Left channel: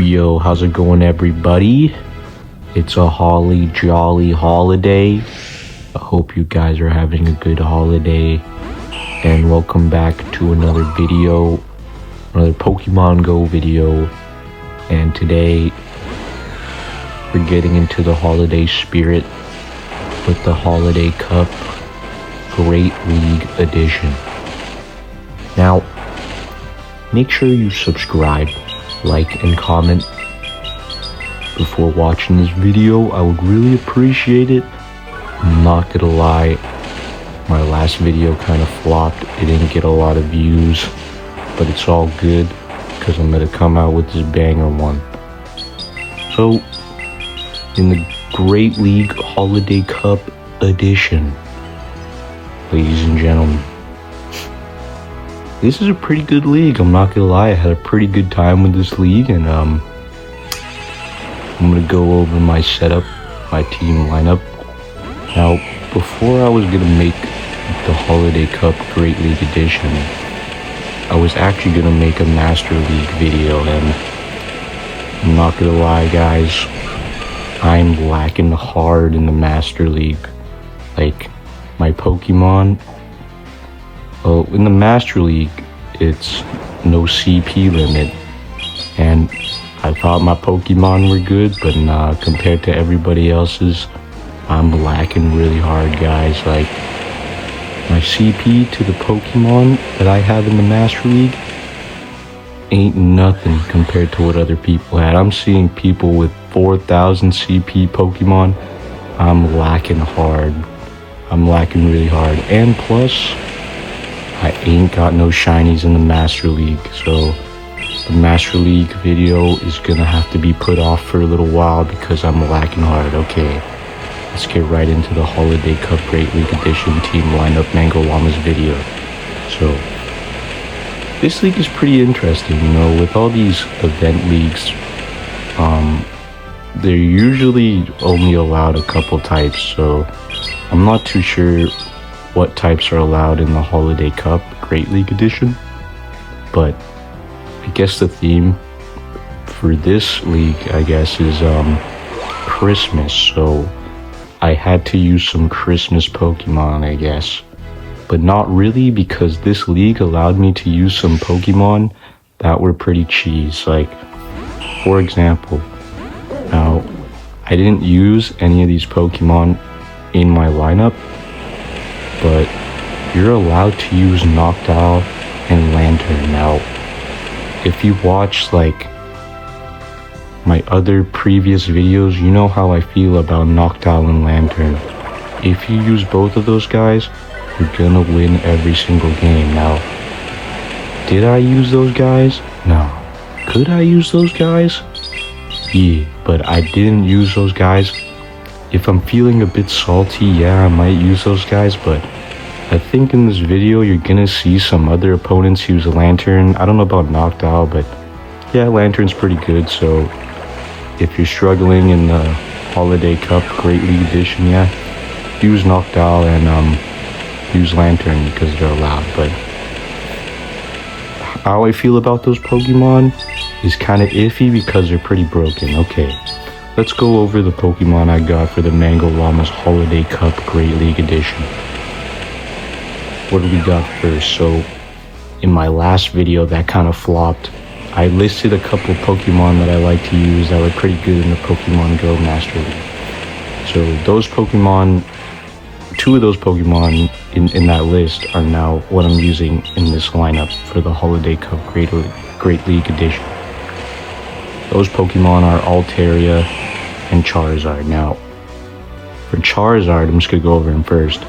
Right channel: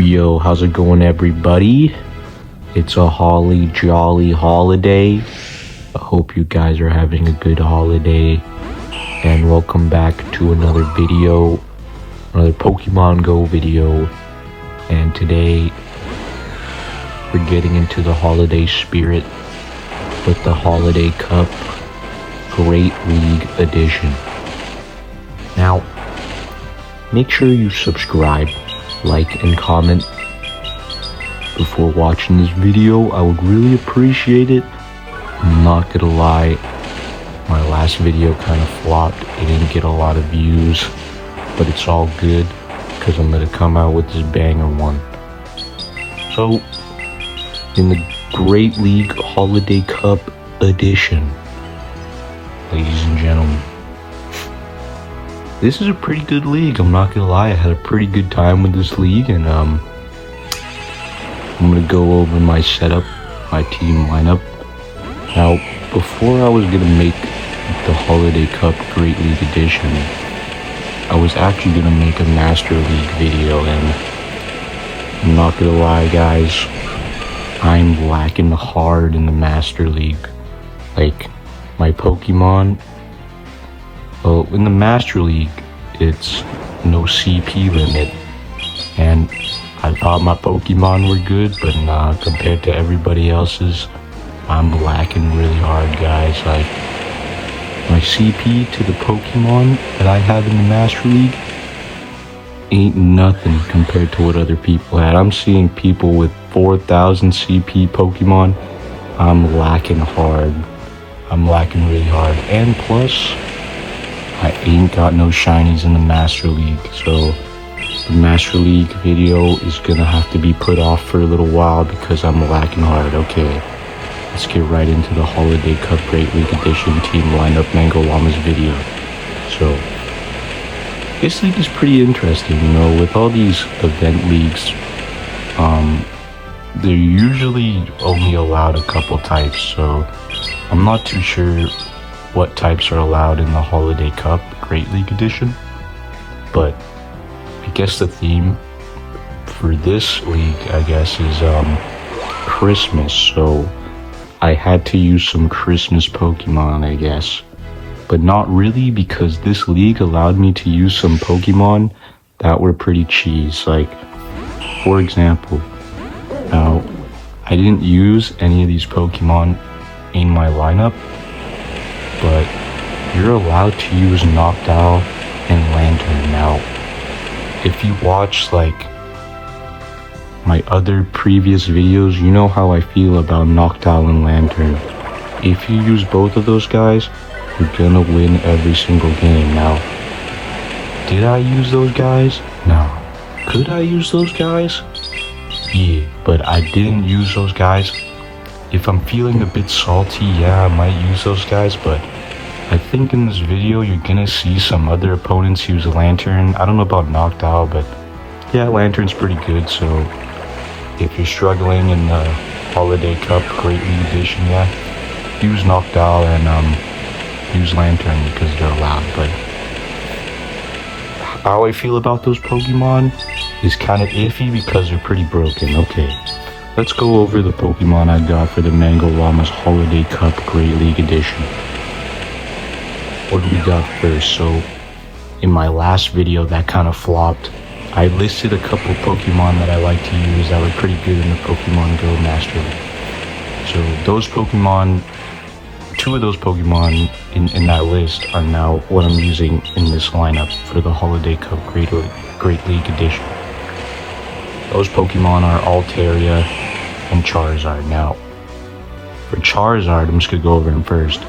Yo, how's it going, everybody? It's a holly jolly holiday. I hope you guys are having a good holiday. And welcome back to another video, another Pokemon Go video. And today, we're getting into the holiday spirit with the Holiday Cup Great League Edition. Now, make sure you subscribe, like, and comment before watching this video. I would really appreciate it. I'm not gonna lie, my last video kind of flopped. It didn't get a lot of views, but it's all good because I'm gonna come out with this banger one. So, in the Great League Holiday Cup Edition, ladies and gentlemen, this is a pretty good league. I'm not gonna lie, I had a pretty good time with this league, and I'm gonna go over my setup, my team lineup. Now, before I was gonna make the Holiday Cup Great League Edition, I was actually gonna make a Master League video, and I'm not gonna lie, guys, I'm lacking hard in the Master League. Like, my Pokemon, well, in the Master League, it's no CP limit, and I thought my Pokemon were good, but nah, compared to everybody else's, I'm lacking really hard, guys. Like, my CP to the Pokemon that I have in the Master League ain't nothing compared to what other people had. I'm seeing people with 4,000 CP Pokemon. I'm lacking hard. I'm lacking really hard, and plus, I ain't got no shinies in the Master League, so the Master League video is gonna have to be put off for a little while because I'm lacking hard. Okay, let's get right into the Holiday Cup Great League Edition team lineup Mangollamas video. So, this league is pretty interesting, you know, with all these event leagues, they're usually only allowed a couple types, so I'm not too sure what types are allowed in the Holiday Cup Great League Edition, but I guess the theme for this league, I guess, is Christmas, so I had to use some Christmas Pokemon, I guess, but not really, because this league allowed me to use some Pokemon that were pretty cheese. Like, for example, now, I didn't use any of these Pokemon in my lineup, but you're allowed to use Noctowl and Lantern. Now, if you watch like my other previous videos, you know how I feel about Noctowl and Lantern. If you use both of those guys, you're gonna win every single game. Now, did I use those guys? No. Could I use those guys? Yeah, but I didn't use those guys. If I'm feeling a bit salty, yeah, I might use those guys, but I think in this video you're gonna see some other opponents use Lantern. I don't know about Noctowl, but yeah, Lantern's pretty good, so if you're struggling in the Holiday Cup Great League Edition, yeah, use Noctowl and use Lantern because they're allowed. But how I feel about those Pokemon is kind of iffy because they're pretty broken. Okay, let's go over the Pokemon I got for the Mangollamas Holiday Cup Great League Edition. What do we got first? So, in my last video that kind of flopped, I listed a couple Pokemon that I like to use that were pretty good in the Pokemon Go Master League. So those Pokemon, two of those Pokemon in that list are now what I'm using in this lineup for the Holiday Cup Great League Edition. Those Pokemon are Altaria and Charizard. Now, for Charizard, I'm just gonna go over him first.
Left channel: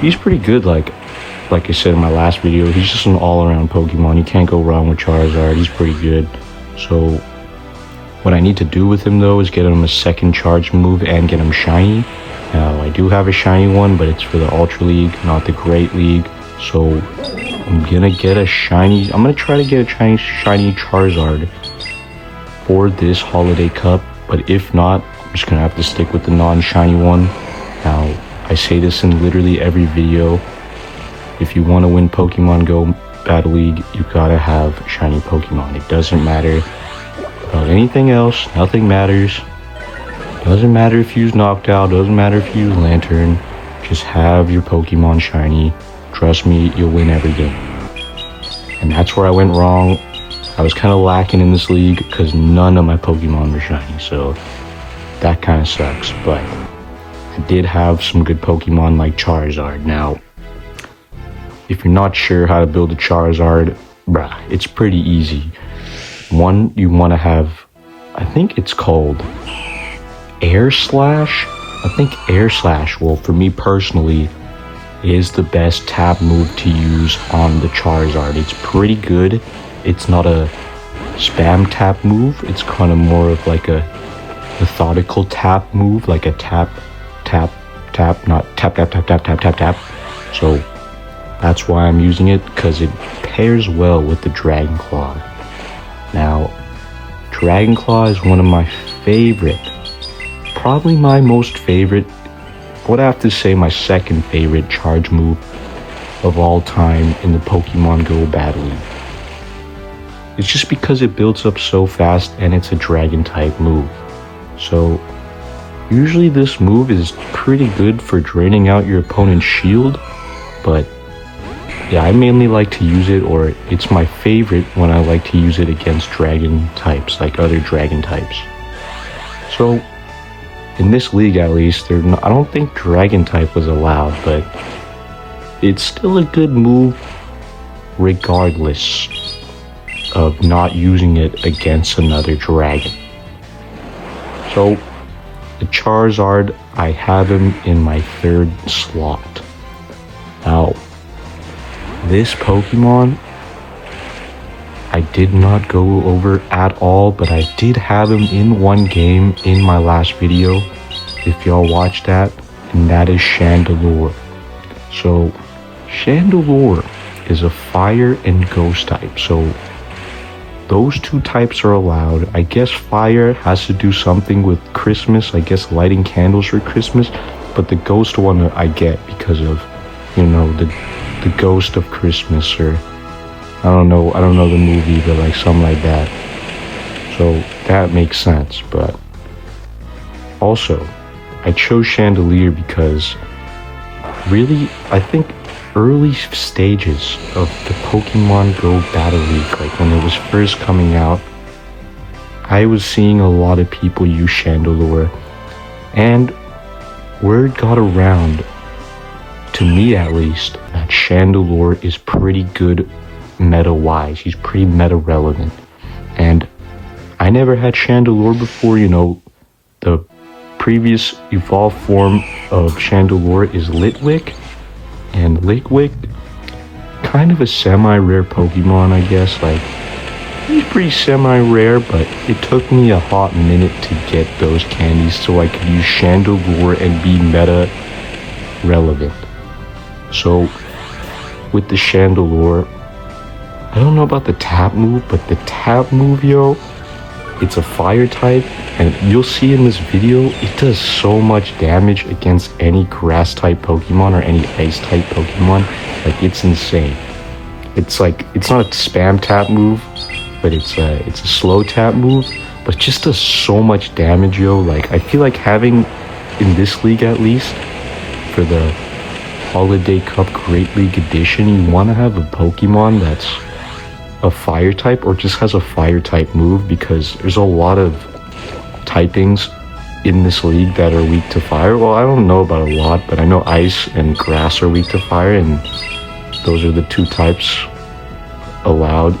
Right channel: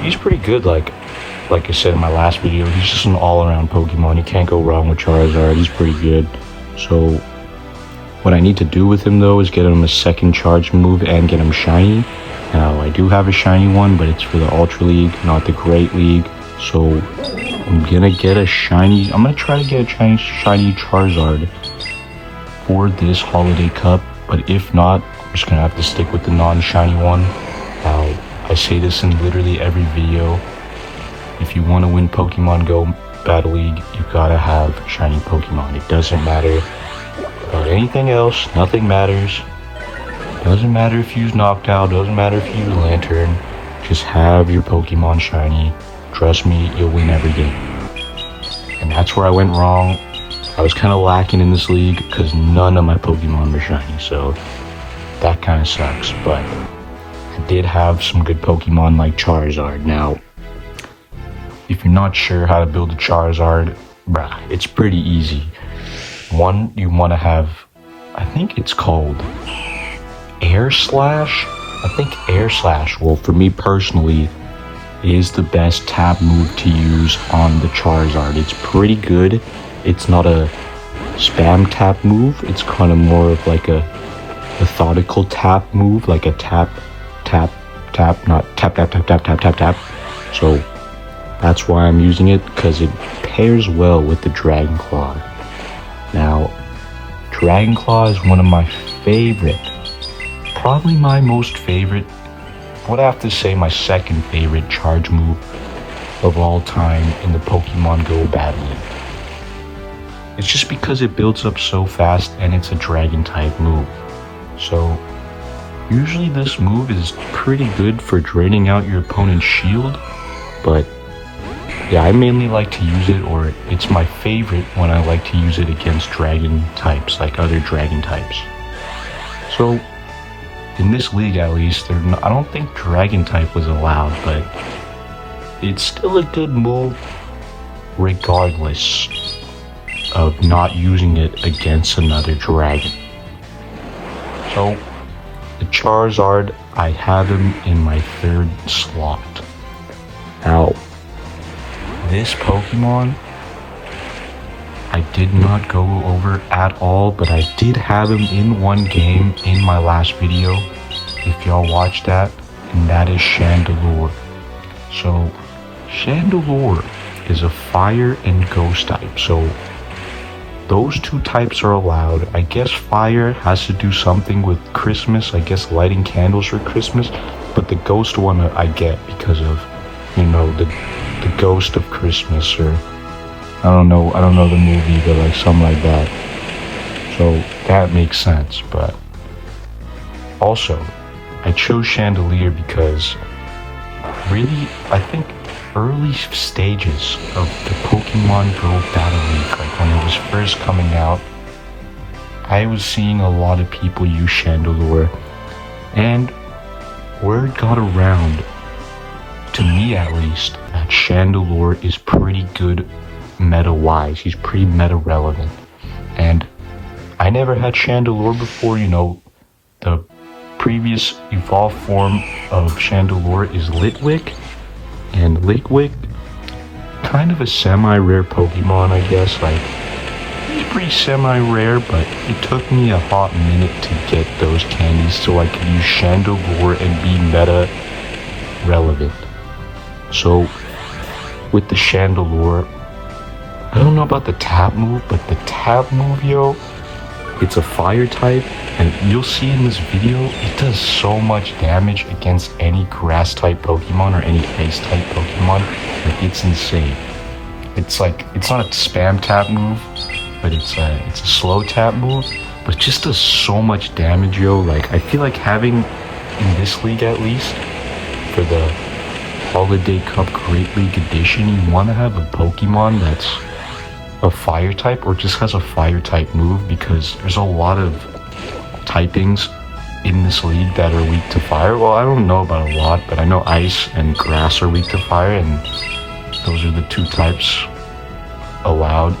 He's pretty good, like I said in my last video, he's just an all-around Pokemon. You can't go wrong with Charizard. He's pretty good. So, what I need to do with him, though, is get him a second charge move and get him shiny. Now, I do have a shiny one, but it's for the Ultra League, not the Great League. So, I'm gonna get a shiny... I'm gonna try to get a shiny Charizard for this Holiday Cup, but if not, I'm just gonna have to stick with the non-shiny one. Now, I say this in literally every video. If you want to win Pokemon Go Battle League, you gotta have shiny Pokemon. It doesn't matter anything else, nothing matters. Doesn't matter if you use knocked out, doesn't matter if you use lantern. Just have your Pokemon shiny. Trust me, you'll win every game. And that's where I went wrong. I was kind of lacking in this league because none of my Pokemon were shiny, so that kind of sucks. But I did have some good Pokemon like Charizard. Now, if you're not sure how to build a Charizard, it's pretty easy. One, you want to have, I think it's called Air Slash. I think Air Slash, well, for me personally, is the best tap move to use on the Charizard. It's pretty good. It's not a spam tap move. It's kind of more of like a methodical tap move, like a tap, not tap, tap, tap, tap, tap, tap, tap. So that's why I'm using it, because it pairs well with the Dragon Claw. Now, Dragon Claw is one of my favorite, probably my most favorite, I would have to say my second favorite charge move of all time in the Pokemon Go battle. It's just because it builds up so fast and it's a dragon type move. So usually this move is pretty good for draining out your opponent's shield, but yeah, I mainly like to use it, or it's my favorite when I like to use it against dragon types, like other dragon types. So in this league, at least, I don't think dragon type was allowed, but it's still a good move regardless of not using it against another dragon. So the Charizard, I had him in my third slot. Now, this Pokemon, I did not go over at all, but I did have him in one game in my last video, if y'all watched that, and that is Chandelure. So, Chandelure is a fire and ghost type, so those two types are allowed. I guess fire has to do something with Christmas, I guess lighting candles for Christmas, but the ghost one I get because of, you know, the ghost of Christmas, or I don't know the movie, but like something like that. So that makes sense. But also, I chose Chandelure because really, I think early stages of the Pokemon Go Battle League, like when it was first coming out, I was seeing a lot of people use Chandelure, and word got around, to me at least, that Chandelure is pretty good meta-wise. He's pretty meta-relevant. And I never had Chandelure before. You know, the previous evolved form of Chandelure is Litwick, and Litwick, kind of a semi-rare Pokemon, I guess. Like, he's pretty semi-rare, but it took me a hot minute to get those candies so I could use Chandelure and be meta-relevant. So, with the Chandelure, I don't know about the tap move, but the tap move, yo, it's a fire type, and you'll see in this video, it does so much damage against any grass type Pokemon or any ice type Pokemon. Like, it's insane. It's like, it's not a spam tap move, but it's a slow tap move, but it just does so much damage, yo. Like, I feel like having, in this league at least, for the Holiday Cup Great League Edition, you want to have a Pokemon that's a fire type, or just has a fire type move, because there's a lot of typings in this league that are weak to fire. Well, I don't know about a lot, but I know ice and grass are weak to fire, and those are the two types allowed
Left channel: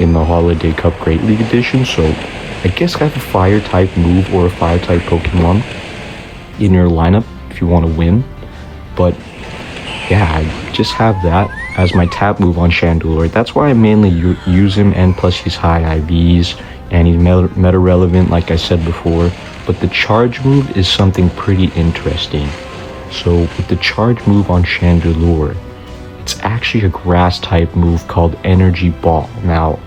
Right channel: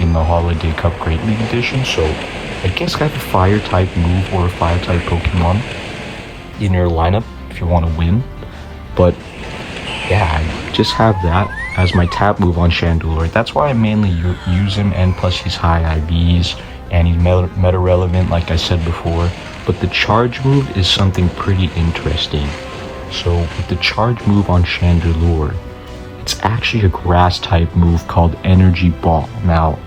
in the Holiday Cup Great League Edition. So I guess have a fire type move or a fire type Pokemon in your lineup if you want to win. But yeah, I just have that as my tap move on Chandelure. That's why I mainly use him, and plus he's high IVs and he's meta relevant, like I said before. But the charge move is something pretty interesting. So with the charge move on Chandelure, it's actually a grass type move called Energy Ball. Now,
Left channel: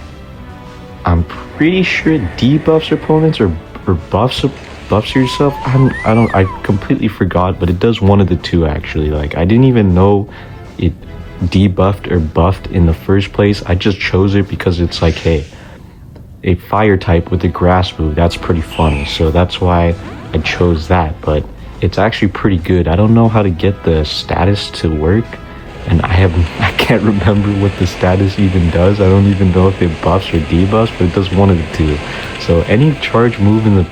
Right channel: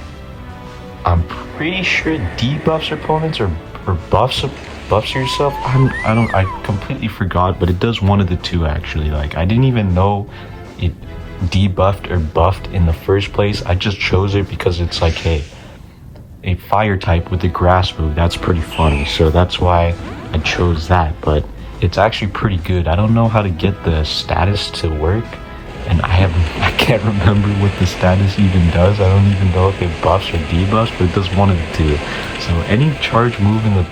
I'm pretty sure debuffs opponents or buffs yourself. I completely forgot, but it does one of the two actually. Like, I didn't even know it debuffed or buffed in the first place. I just chose it because it's like, hey, a fire type with a grass move. That's pretty funny, so that's why I chose that. But it's actually pretty good. I don't know how to get the status to work, and I can't remember what the status even does. I don't even know if it buffs or debuffs, but it does one of the two. So any charge move in the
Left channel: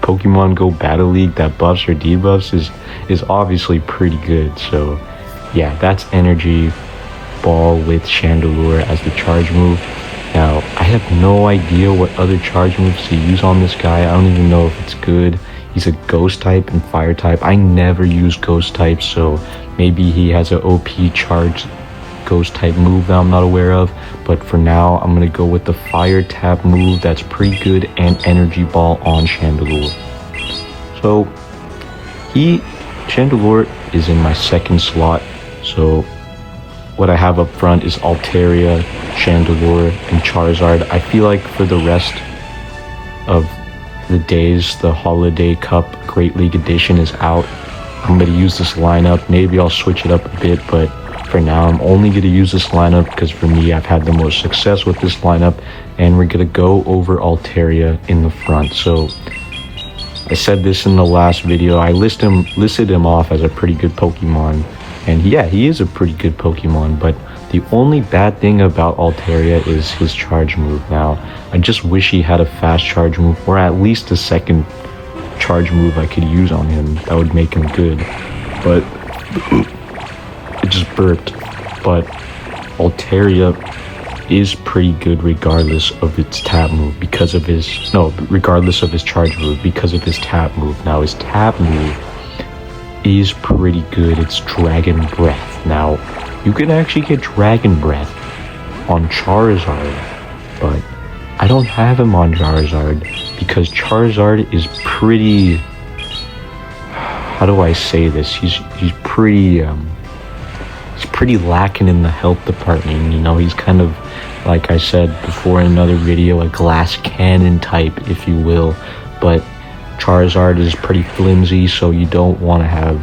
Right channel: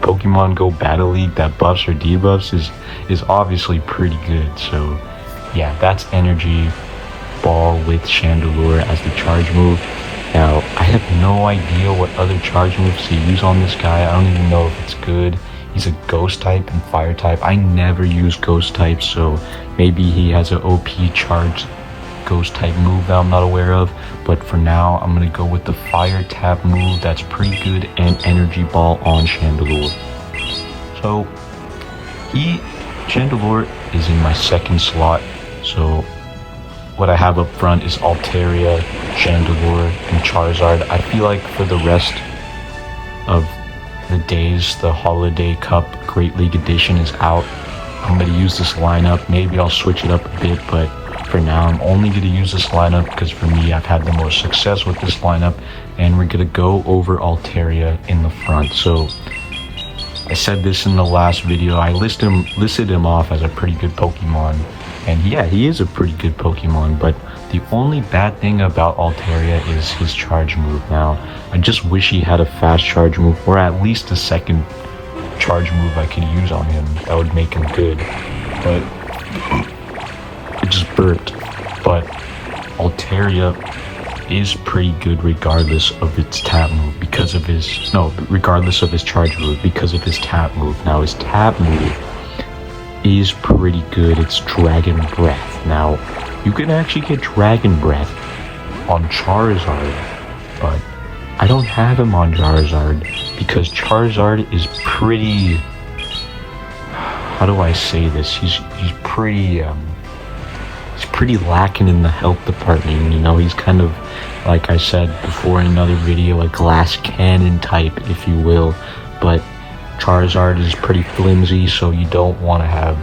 Pokemon Go Battle League that buffs or debuffs is obviously pretty good. So yeah, that's Energy Ball with Chandelure as the charge move. Now, I have no idea what other charge moves to use on this guy. I don't even know if it's good. He's a ghost type and fire type. I never use ghost type, so maybe he has an OP charge ghost type move that I'm not aware of. But for now, I'm gonna go with the fire tap move that's pretty good, and Energy Ball on Chandelure. So, Chandelure is in my second slot, so what I have up front is Altaria, Chandelure, and Charizard. I feel like for the rest of the days, the Holiday Cup Great League Edition is out. I'm going to use this lineup. Maybe I'll switch it up a bit, but for now, I'm only going to use this lineup because for me, I've had the most success with this lineup, and we're going to go over Altaria in the front. So, I said this in the last video. I listed him off as a pretty good Pokemon. And yeah, he is a pretty good Pokemon, but the only bad thing about Altaria is his charge move. Now, I just wish he had a fast charge move, or at least a second charge move I could use on him. That would make him good. But it just burped. But Altaria is pretty good regardless of its tap move regardless of his charge move, because of his tap move. Now, his tap move is pretty good. It's Dragon Breath. Now, you can actually get Dragon Breath on Charizard, but I don't have him on Charizard because Charizard is pretty, how do I say this? He's pretty lacking in the health department. You know, he's kind of, like I said before in another video, a glass cannon type, if you will, but Charizard is pretty flimsy, so you don't want to have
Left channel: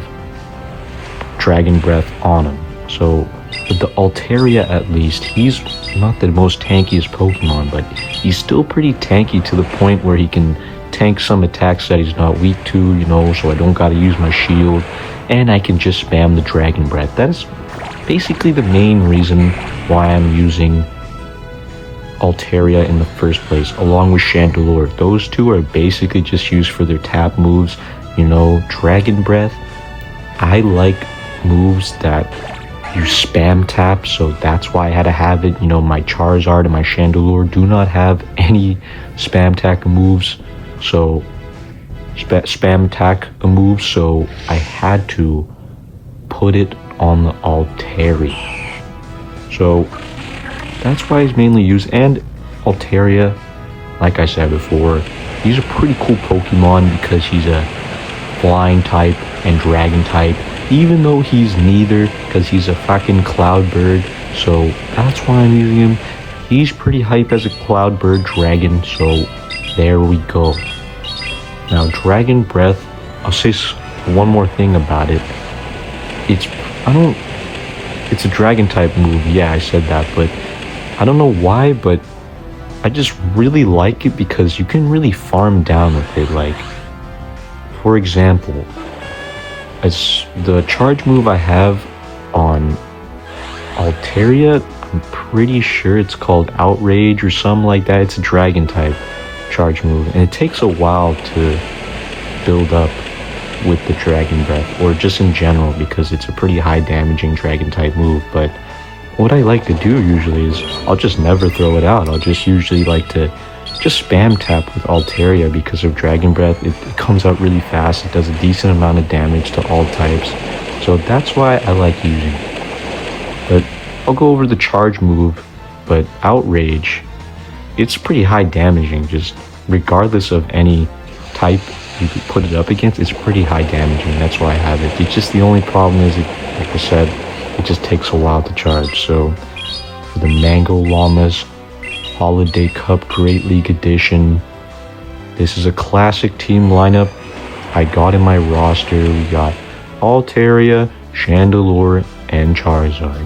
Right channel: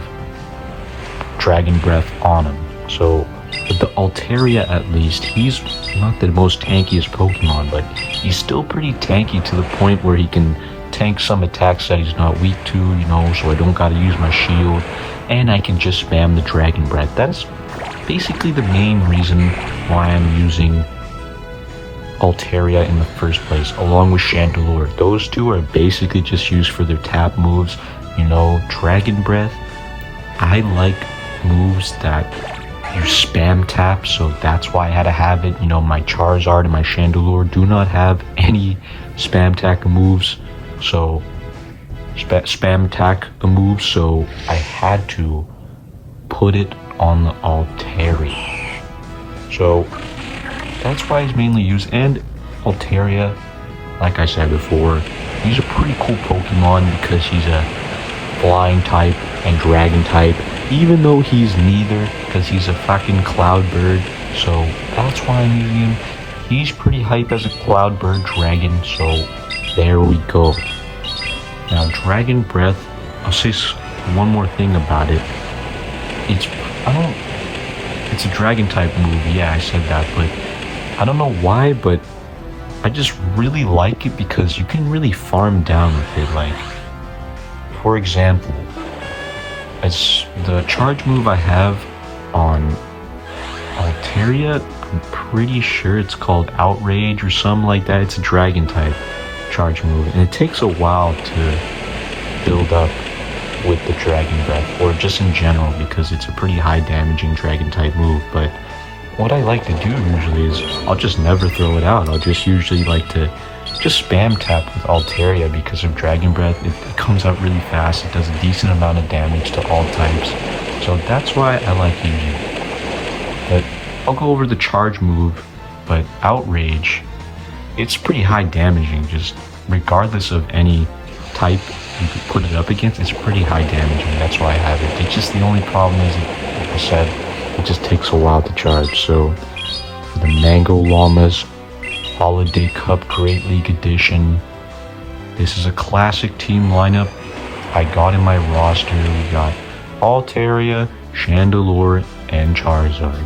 Dragon Breath on him. So with the Altaria, at least, he's not the most tankiest Pokemon, but he's still pretty tanky to the point where he can tank some attacks that he's not weak to, you know, so I don't gotta use my shield, and I can just spam the Dragon Breath. That's basically the main reason why I'm using Altaria in the first place, along with Chandelure. Those two are basically just used for their tap moves. You know, Dragon Breath, I like moves that you spam tap, so that's why I had to have it. You know, my Charizard and my Chandelure do not have any spam tap moves, so spam attack moves, so I had to put it on the Altaria. So that's why it's mainly used. And Altaria, like I said before, he's a pretty cool Pokemon because he's a flying type and dragon type, even though he's neither, because he's a fucking cloud bird. So that's why I'm using him. He's pretty hype as a cloud bird dragon, so there we go. Now, Dragon Breath, I'll say one more thing about it. It's a dragon type move, yeah, I said that, but I don't know why, but I just really like it because you can really farm down with it. Like, for example, as the charge move I have on Altaria, I'm pretty sure it's called Outrage or something like that. It's a dragon type charge move, and it takes a while to build up with the Dragon Breath, or just in general, because it's a pretty high damaging dragon type move. But what I like to do usually is I'll just never throw it out. I'll just usually like to just spam tap with Altaria because of Dragon Breath. It comes out really fast. It does a decent amount of damage to all types, so that's why I like using it. But I'll go over the charge move. But Outrage, it's pretty high damaging, just regardless of any type you could put it up against. It's pretty high damaging. That's why I have it. It's just the only problem is, like I said, it just takes a while to charge. So for the Mangollamas Holiday Cup Great League Edition, this is a classic team lineup I got in my roster. We got Altaria, Chandelure, and Charizard.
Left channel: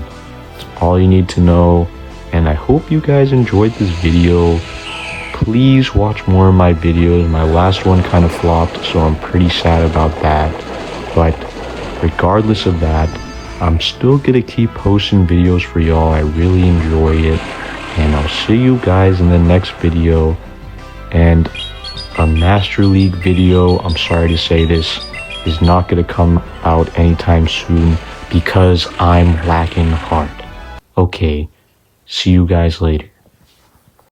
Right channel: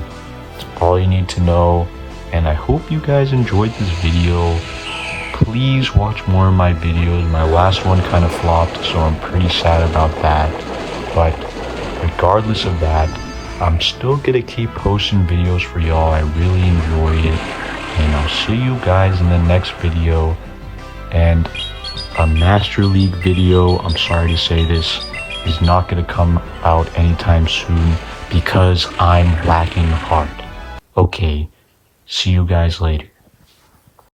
That's all you need to know, and I hope you guys enjoyed this video. please watch more of my videos. My last one kind of flopped, so I'm pretty sad about that. But regardless of that, I'm still gonna keep posting videos for y'all. I really enjoy it. And I'll see you guys in the next video. And a Master League video, I'm sorry to say this, is not gonna come out anytime soon because I'm lacking heart. Okay, see you guys later.